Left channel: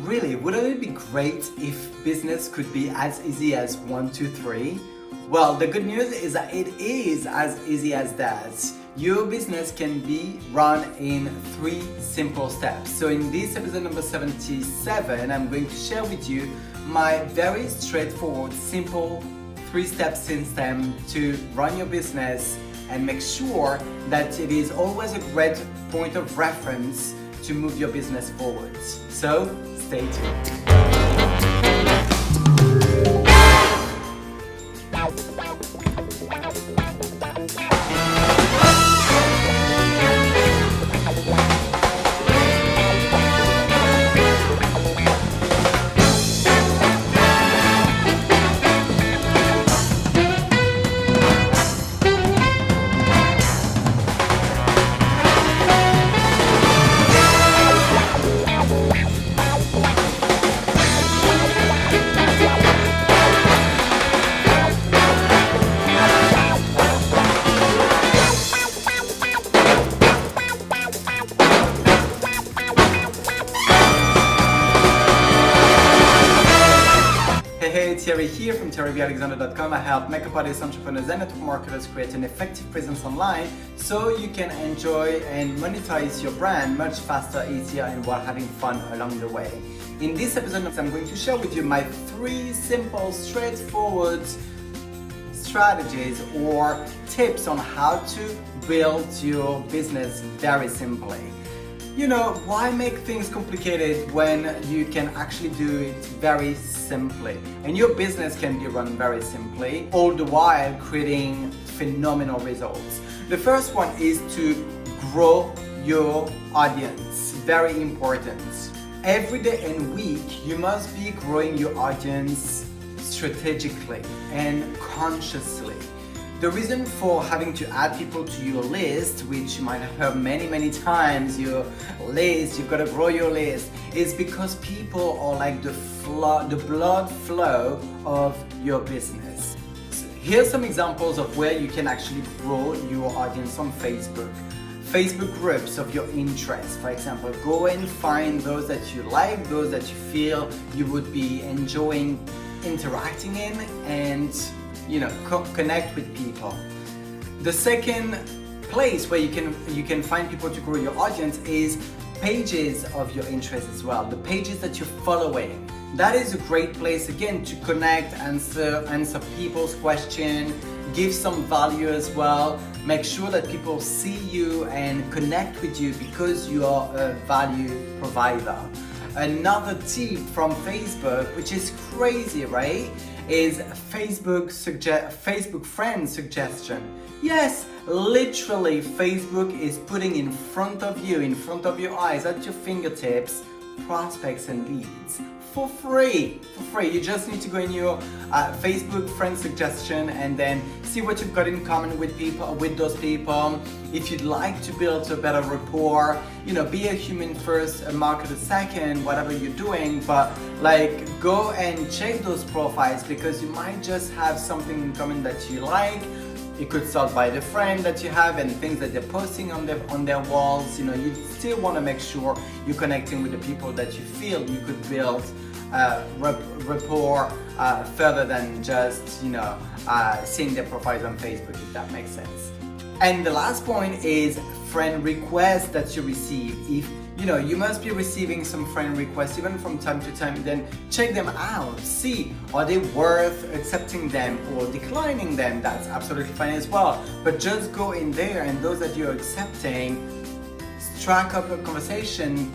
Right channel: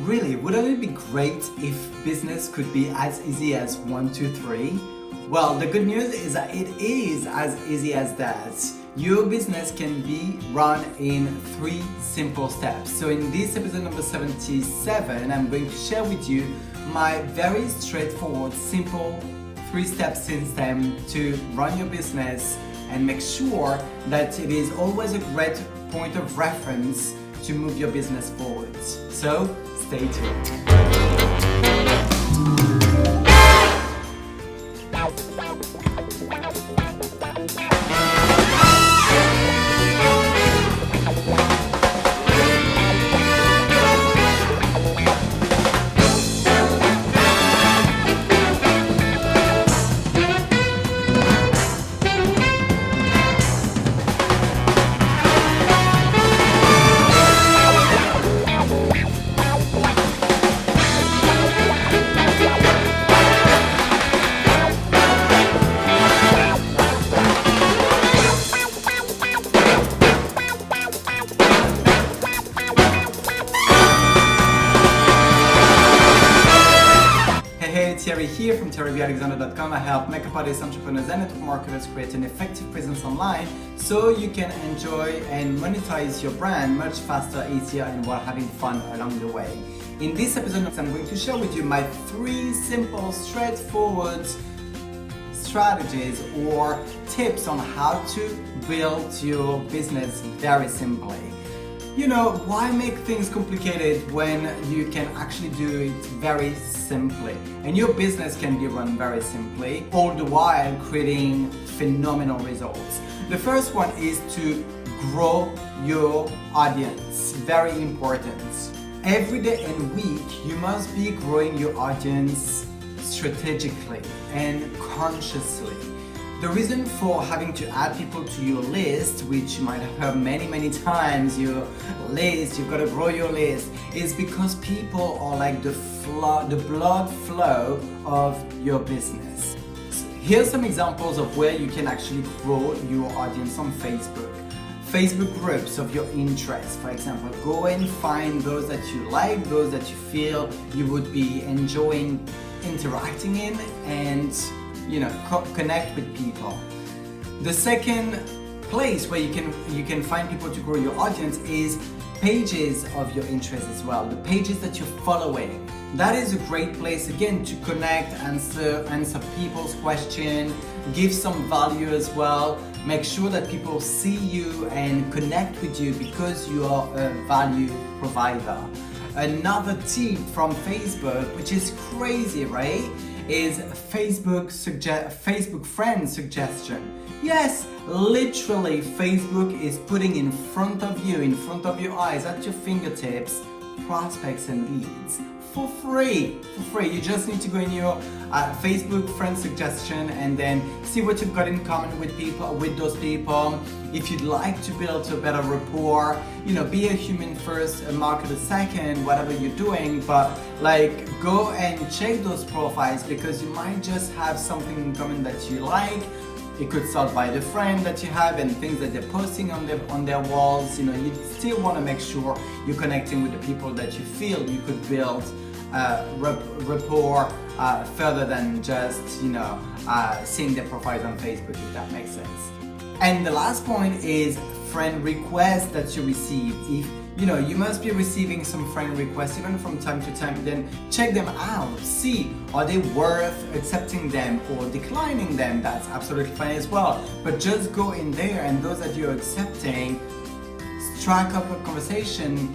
Really, wouldn't it be great if business could be as easy as 1, 2, 3? Well, the good news is that it is as easy as that. Your business can be run in 3 simple steps. So in this episode number 77, I'm going to share with you my very straightforward, simple 3-step system to run your business and make sure that it is always a great point of reference to move your business forward. So stay tuned. Hey, Thierry here from thierryalexander.com. I help makeup artists, entrepreneurs, and network marketers create an effective presence online so you can enjoy and monetize your brand much faster, easier, and while having fun along the way. In this episode, I'm going to share with you my 3 simple, straightforward strategies or tips on how to build your business very simply. You know, why make things complicated when you can actually do it very simply? And your business can be run very simply, all the while creating phenomenal results. The first one is to grow your audience. Very important. Every day and week, you must be growing your audience strategically and consciously. The reason for having to add people to your list, which you might have heard many times, your list, you've got to grow your list, is because people are like the blood flow of your business. So here's some examples of where you can actually grow your audience on Facebook. Facebook groups of your interest, for example. Go and find those that you like, those that you feel you would be enjoying interacting in, and connect with people. The second place where you can find people to grow your audience is pages of your interest as well. The pages that you're following. That is a great place again to connect, answer people's questions, give some value as well. Make sure that people see you and connect with you because you are a value provider. Another tip from Facebook, which is crazy, right? Is Facebook friend suggestion. Yes, literally Facebook is putting in front of you, in front of your eyes, at your fingertips, prospects and leads for free. You just need to go in your Facebook friend suggestion and then see what you've got in common with those people. If you'd like to build a better rapport, be a human first, a marketer second, whatever you're doing, but go and check those profiles because you might just have something in common that you like. It could start by the friend that you have and things that they're posting on their walls. You still want to make sure you're connecting with the people that you feel you could build rapport further than just seeing their profiles on Facebook, if that makes sense. And the last point is friend requests that you receive. If you must be receiving some friend requests even from time to time, then check them out. See, are they worth accepting them or declining them? That's absolutely fine as well. But just go in there, and those that you're accepting, strike up a conversation,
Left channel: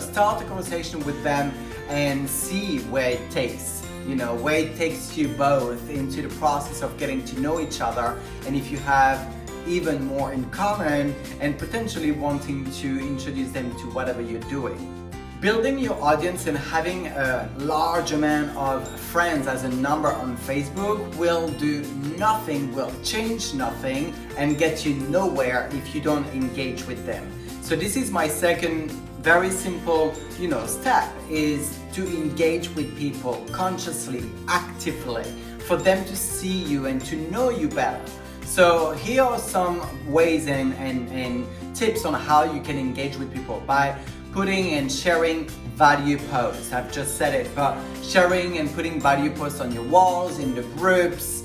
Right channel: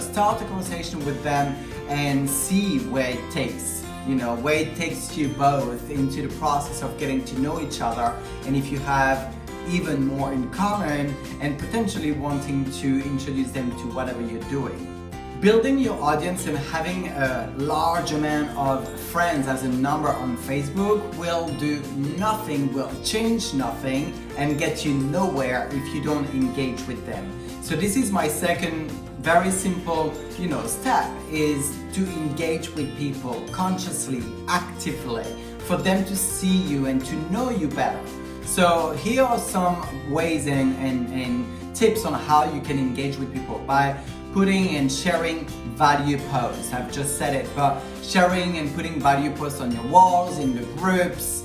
start a conversation with them and see where it takes. Where it takes you both into the process of getting to know each other, and if you have even more in common and potentially wanting to introduce them to whatever you're doing. Building your audience and having a large amount of friends as a number on Facebook will do nothing, will change nothing, and get you nowhere if you don't engage with them. So this is my second very simple, step, is to engage with people consciously, actively, for them to see you and to know you better. So here are some ways and tips on how you can engage with people by putting and sharing value posts. I've just said it, but sharing and putting value posts on your walls, in the groups,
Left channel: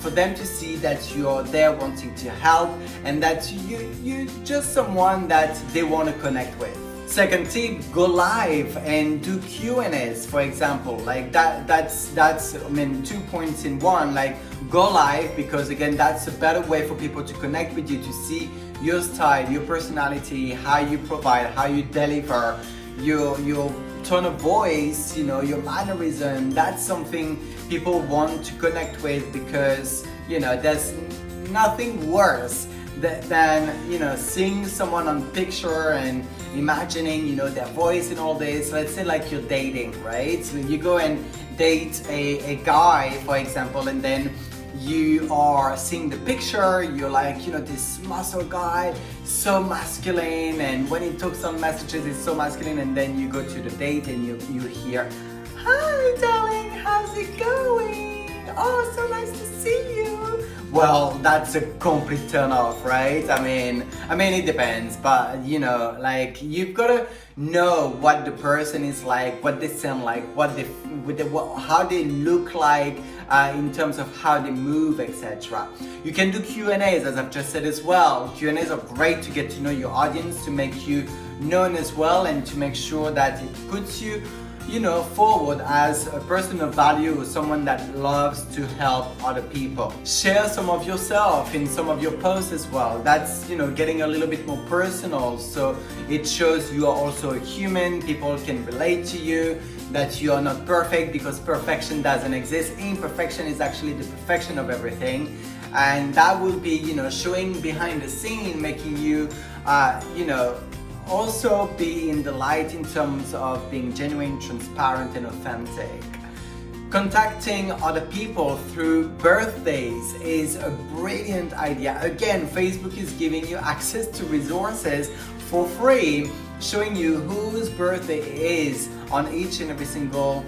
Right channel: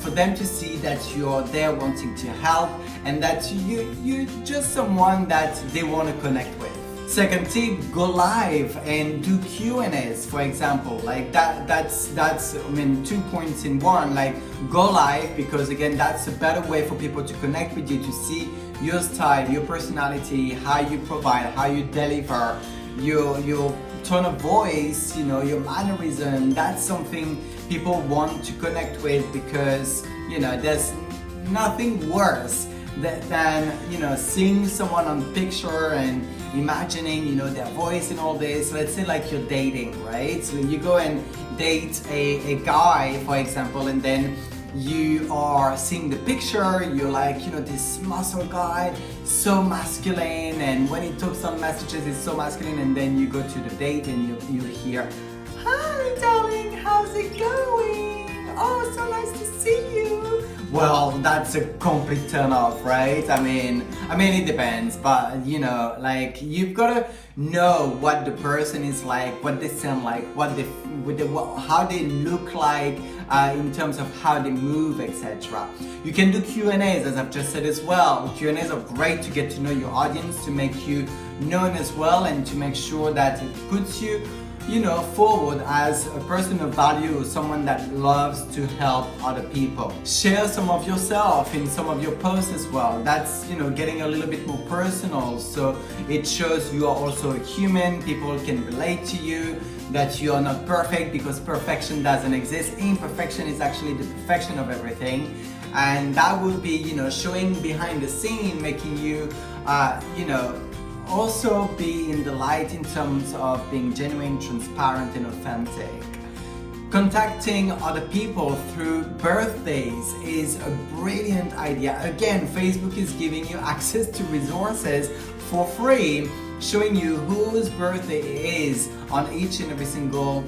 for them to see that you're there wanting to help and that you're just someone that they want to connect with. Second tip, go live and do Q&As, for example. Like that's I mean 2 points in one. Like go live, because again that's a better way for people to connect with you, to see your style, your personality, how you provide, how you deliver, your tone of voice, you know, your mannerism. That's something people want to connect with, because you know there's nothing worse than you know seeing someone on picture and imagining you know their voice and all this. Let's say like you're dating, right? So you go and date a guy, for example, and then you are seeing the picture, you're like, you know, this muscle guy, so masculine, and when he talks on messages it's so masculine, and then you go to the date and you hear, "Hi darling, how's it going? Oh, so nice to see you." Well, that's a complete turn off, right? I mean it depends, but you know, like you've got to know what the person is like, what they sound like, how they look like, in terms of how they move, etc. You can do Q&As, as I've just said as well. Q&As are great to get to know your audience, to make you known as well, and to make sure that it puts you, you know, forward as a person of value, someone that loves to help other people. Share some of yourself in some of your posts as well. That's, you know, getting a little bit more personal, so it shows you are also a human. People can relate to you, that you are not perfect, because perfection doesn't exist. Imperfection is actually the perfection of everything, and that will be, you know, showing behind the scene, making you, you know, also be in the light in terms of being genuine, transparent, and authentic. Contacting other people through birthdays is a brilliant idea. Again, Facebook is giving you access to resources for free, showing you whose birthday it is on each and every single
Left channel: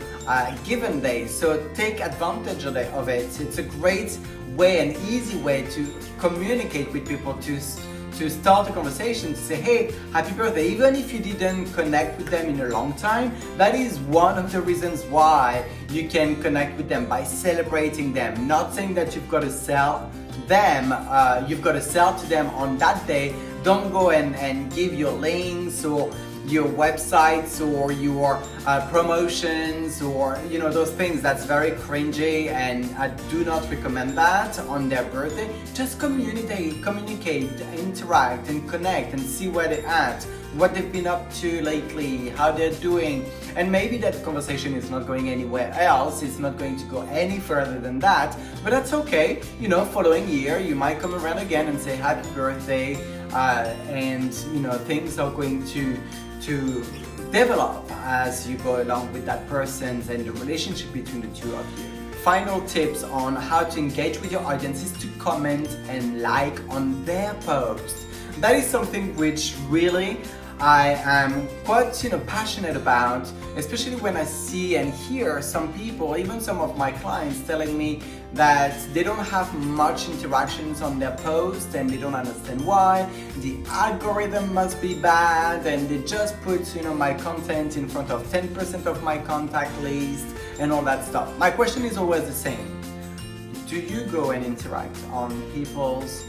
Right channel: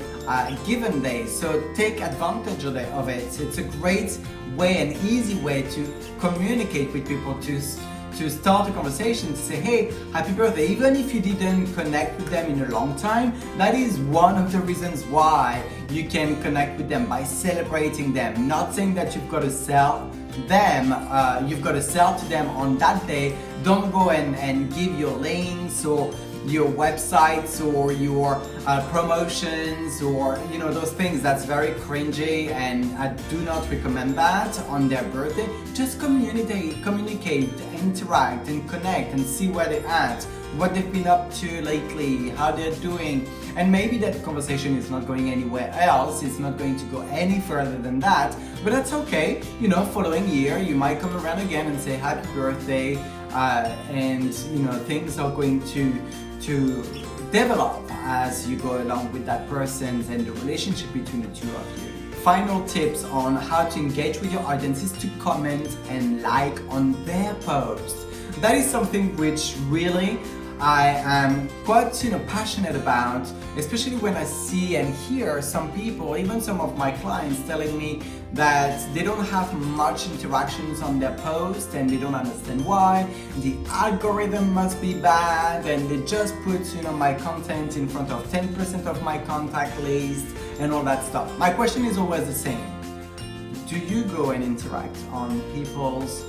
given day. So take advantage of it. It's a great way, an easy way to communicate with people, to start a conversation, to say, "Hey, happy birthday." Even if you didn't connect with them in a long time, that is one of the reasons why you can connect with them, by celebrating them. Not saying that you've got to sell them, you've got to sell to them on that day. Don't go and give your links or your websites or your promotions, or you know, those things. That's very cringy, and I do not recommend that on their birthday. Just communicate, interact and connect, and see where they're at, what they've been up to lately, how they're doing. And maybe that conversation is not going anywhere else, it's not going to go any further than that, but that's okay. You know, following year you might come around again and say happy birthday, and you know, things are going to develop as you go along with that person and the relationship between the two of you. Final tips on how to engage with your audience is to comment and like on their posts. That is something which really I am quite, you know, passionate about, especially when I see and hear some people, even some of my clients, telling me that they don't have much interactions on their post and they don't understand why. The algorithm must be bad, and they just put, you know, my content in front of 10% of my contact list and all that stuff. My question is always the same. Do you go and interact on people's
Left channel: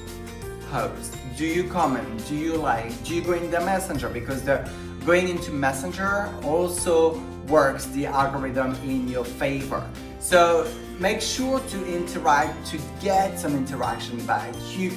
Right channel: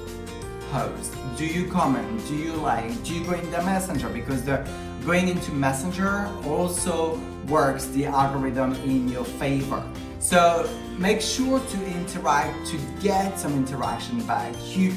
posts? Do you comment? Do you like? Do you go in the messenger? Because the going into messenger also works the algorithm in your favor. So make sure to interact, to get some interaction back. You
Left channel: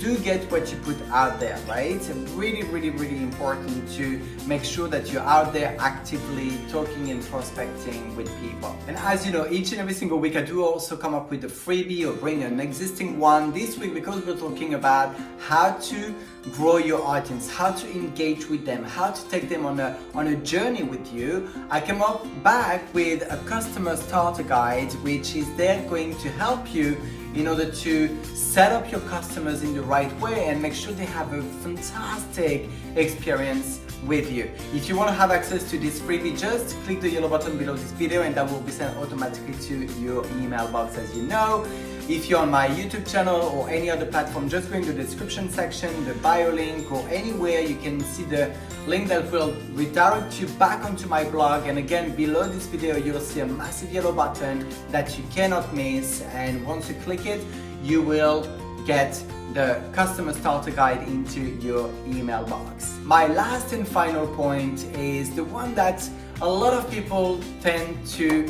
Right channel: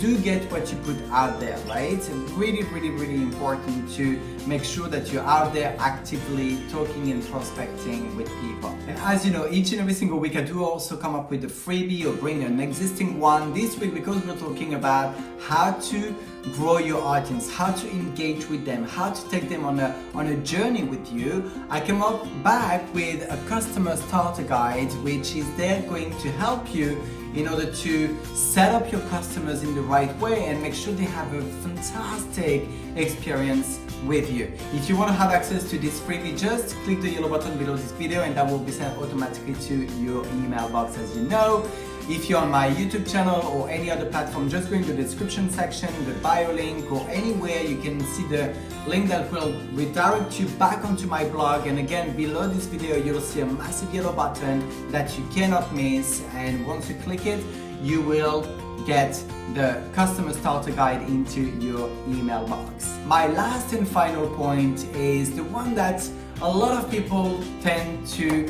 do get what you put out there, right? It's really, really, really important to make sure that you're out there actively talking and prospecting with people. And as you know, each and every single week I do also come up with a freebie or bring an existing one. This week, because we're talking about how to grow your audience, how to engage with them, how to take them on a journey with you, I came up back with a customer starter guide, which is there going to help you in order to set up your customers in the right way and make sure they have a fantastic experience with you. If you want to have access to this freebie, just click the yellow button below this video and that will be sent automatically to your email box, as you know. If you're on my YouTube channel or any other platform, just go into the description section, the bio link, or anywhere you can see the link that will redirect you back onto my blog. And again, below this video, you'll see a massive yellow button that you cannot miss. And once you click it, you will get the customer starter guide into your email box. My last and final point is the one that a lot of people tend to,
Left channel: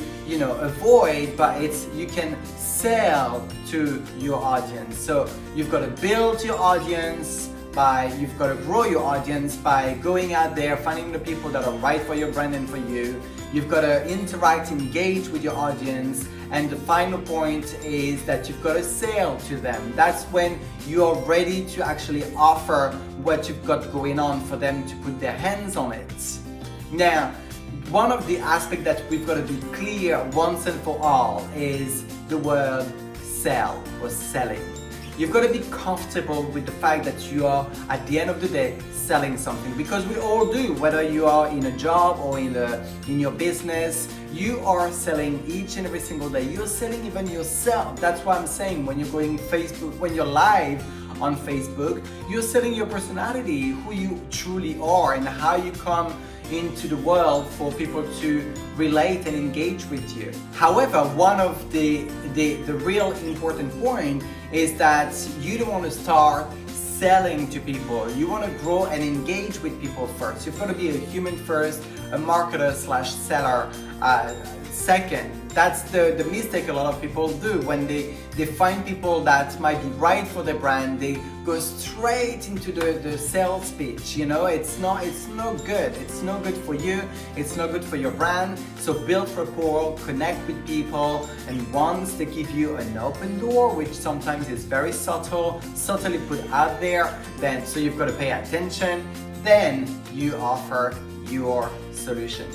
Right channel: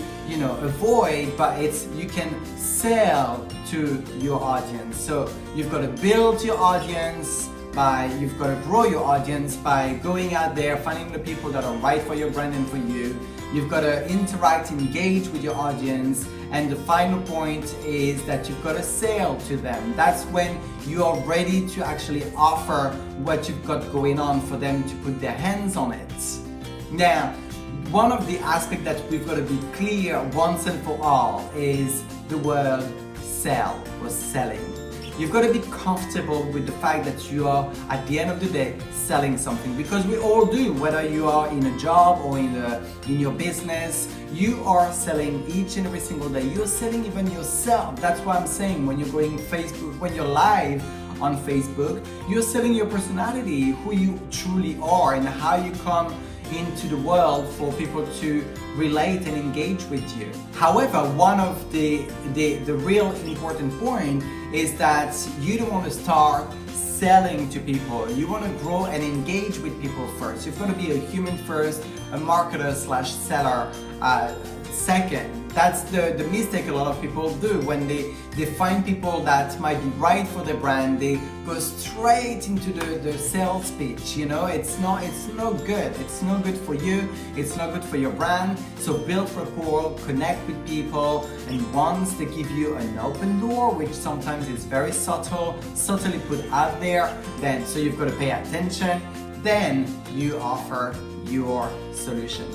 avoid, but it's you can sell to your audience. So you've got to build your audience you've got to grow your audience by going out there, finding the people that are right for your brand and for you. You've got to interact, engage with your audience. And the final point is that you've got to sell to them. That's when you are ready to actually offer what you've got going on for them to put their hands on it. Now, one of the aspects that we've got to be clear once and for all is the word sell or selling. You've got to be comfortable with the fact that you are, at the end of the day, selling something, because we all do, whether you are in a job or in your business, you are selling each and every single day. You're selling even yourself. That's why I'm saying when you're going Facebook, when you're live on Facebook, you're selling your personality, who you truly are and how you come into the world for people to relate and engage with you. However, one of the real important point is that you don't want to start selling to people. You want to grow and engage with people first. You've got to be a human first, a marketer / seller second. That's the mistake a lot of people do. When they find people that might be right for their brand, they go straight into the sales pitch. It's not good. It's no good for you. It's not good for your brand. So build rapport, connect with people, and once they give you an open door, which sometimes is very subtly put out there, then so you've got to pay attention, then you offer your solution.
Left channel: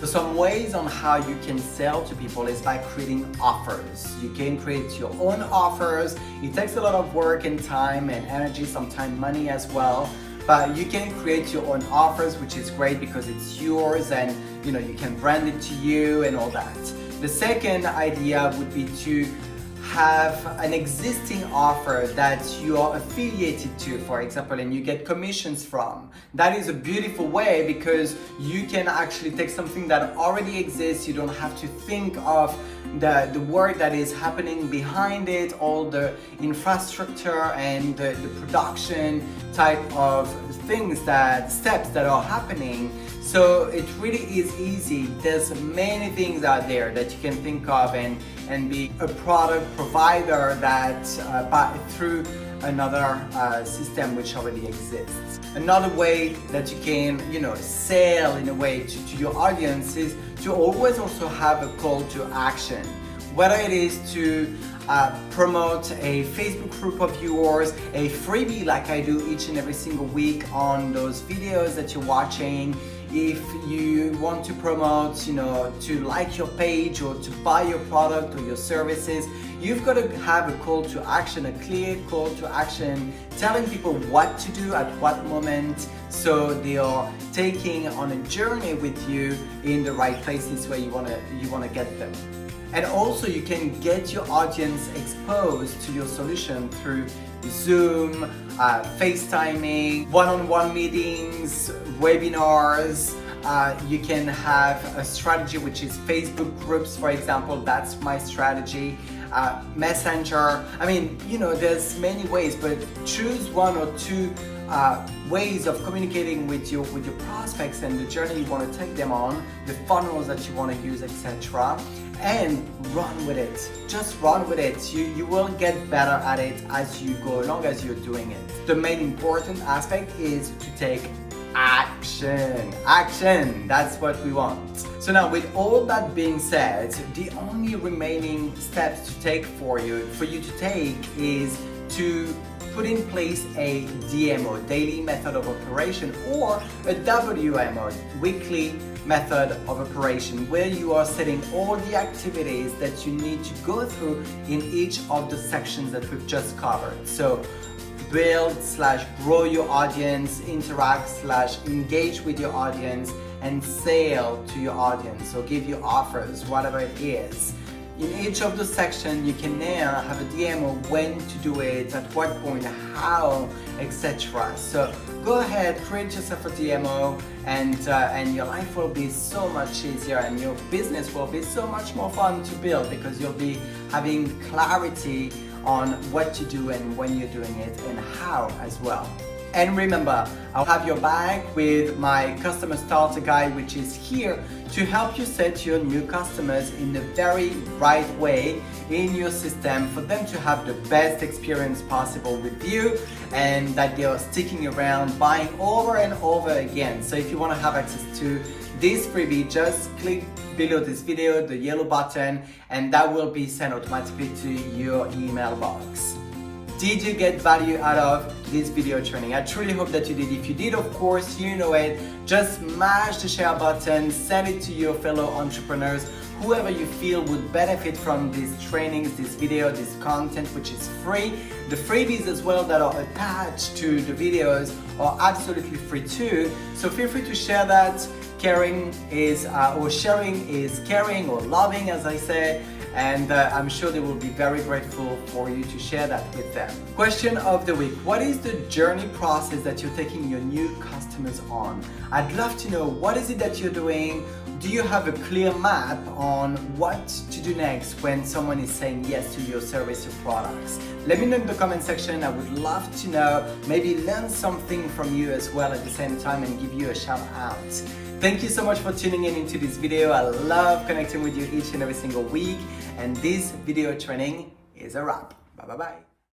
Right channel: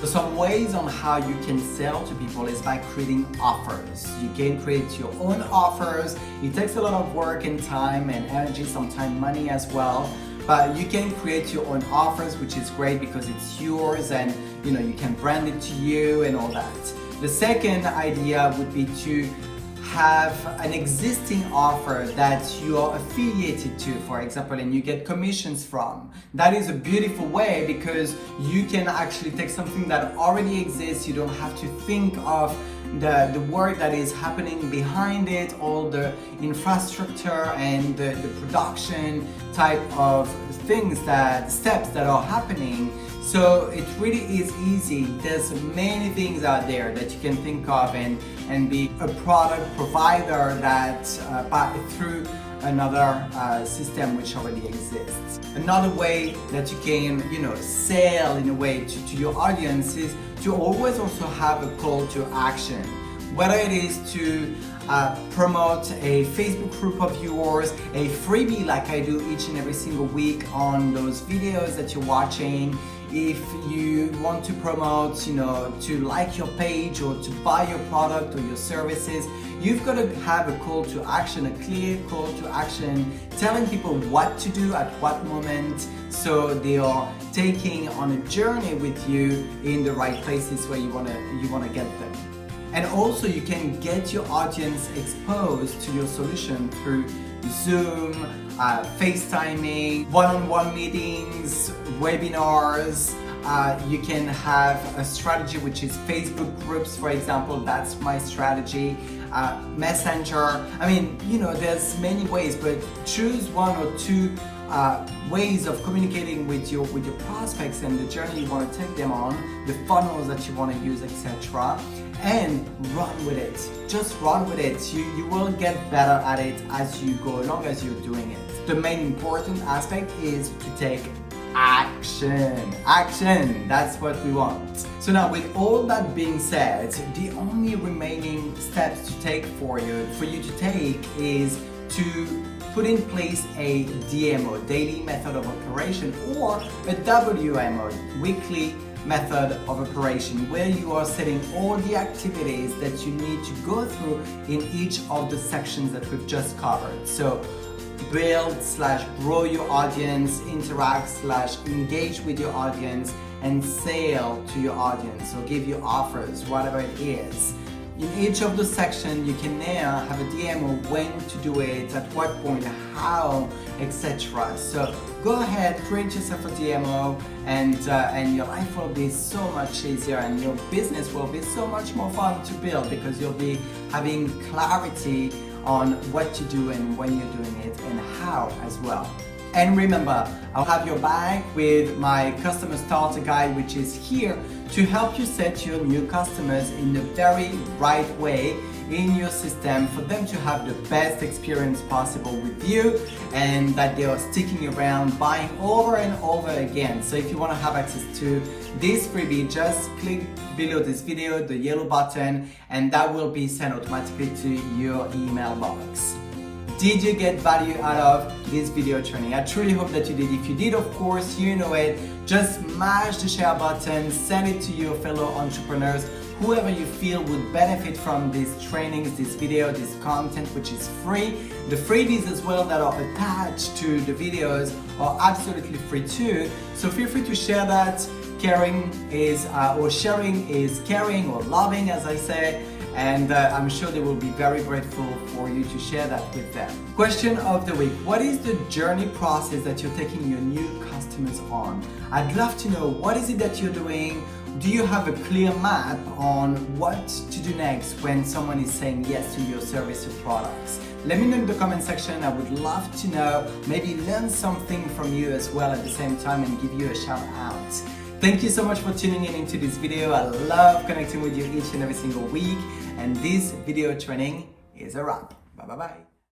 So some ways on how you can sell to people is by creating offers. You can create your own offers. It takes a lot of work and time and energy, sometimes money as well. But you can create your own offers, which is great because it's yours and you can brand it to you and all that. The second idea would be to have an existing offer that you are affiliated to, for example, and you get commissions from. That is a beautiful way because you can actually take something that already exists. You don't have to think of the work that is happening behind it, all the infrastructure and the production type of steps that are happening. So it really is easy. There's many things out there that you can think of and be a product provider that through another system which already exists. Another way that you can, sell in a way to your audience is to always also have a call to action. Whether it is to promote a Facebook group of yours, a freebie like I do each and every single week on those videos that you're watching. If you want to promote, to like your page or to buy your product or your services, you've got to have a call to action, a clear call to action, telling people what to do at what moment, so they are taking on a journey with you in the right places where you want to get them. And also you can get your audience exposed to your solution through Zoom, FaceTiming, one-on-one meetings, webinars. You can have a strategy which is Facebook groups, for example. That's my strategy. Messenger. There's many ways, but choose one or two ways of communicating with your prospects and the journey you want to take them on, the funnels that you want to use, etc. And run with it. Just run with it. You will get better at it as you go along, as you're doing it. The main important aspect is to take action. That's what we want. So now, with all that being said, the only remaining steps to take for you to take is to put in place a DMO, daily method of operation, or a WMO, weekly method of operation, where you are setting all the activities that you need to go through in each of the sections that we've just covered. So build/grow your audience, interact/engage with your audience, and sell to your audience or give you offers, whatever it is. In each of those sections, you can now have a demo when to do it, at what point, how, etc. So go ahead, create yourself a demo, and your life will be so much easier, and your business will be so much more fun to build, because you'll be having clarity on what to do and when you're doing it and how as well. And remember, I'll have your back with my customer starter guide, which is here to help you set your new customers in the very right way in your system, for them to have the best experience possible with you, and that they are sticking around, buying over and over again. So if you want to have access to this freebie, just click below this video, the yellow button, and that will be sent automatically to your email box. Did you get value out of this video training? I truly hope that you did. If you did, of course, you know it. Just smash the share button, send it to your fellow entrepreneurs, whoever you feel would benefit from these trainings, this video, this content, which is free. The freebies as well that are attached to the videos are absolutely free too. So feel free to share that. Caring is, or sharing is caring, or loving, as I say. And I'm sure they will be very grateful for you to share that with them. Question of the week: what is the journey process that you're taking your new customers on? I'd love to know, what is it that you're doing? Do you have a clear map on what to do next when someone is saying yes to your service or products? Let me know in the comment section. I would love to know, maybe learn something from you as well at the same time, and give you a shout out. Thank you so much for tuning in into this video. I love connecting with you each and every single week. And this video training is a wrap. Bye bye bye.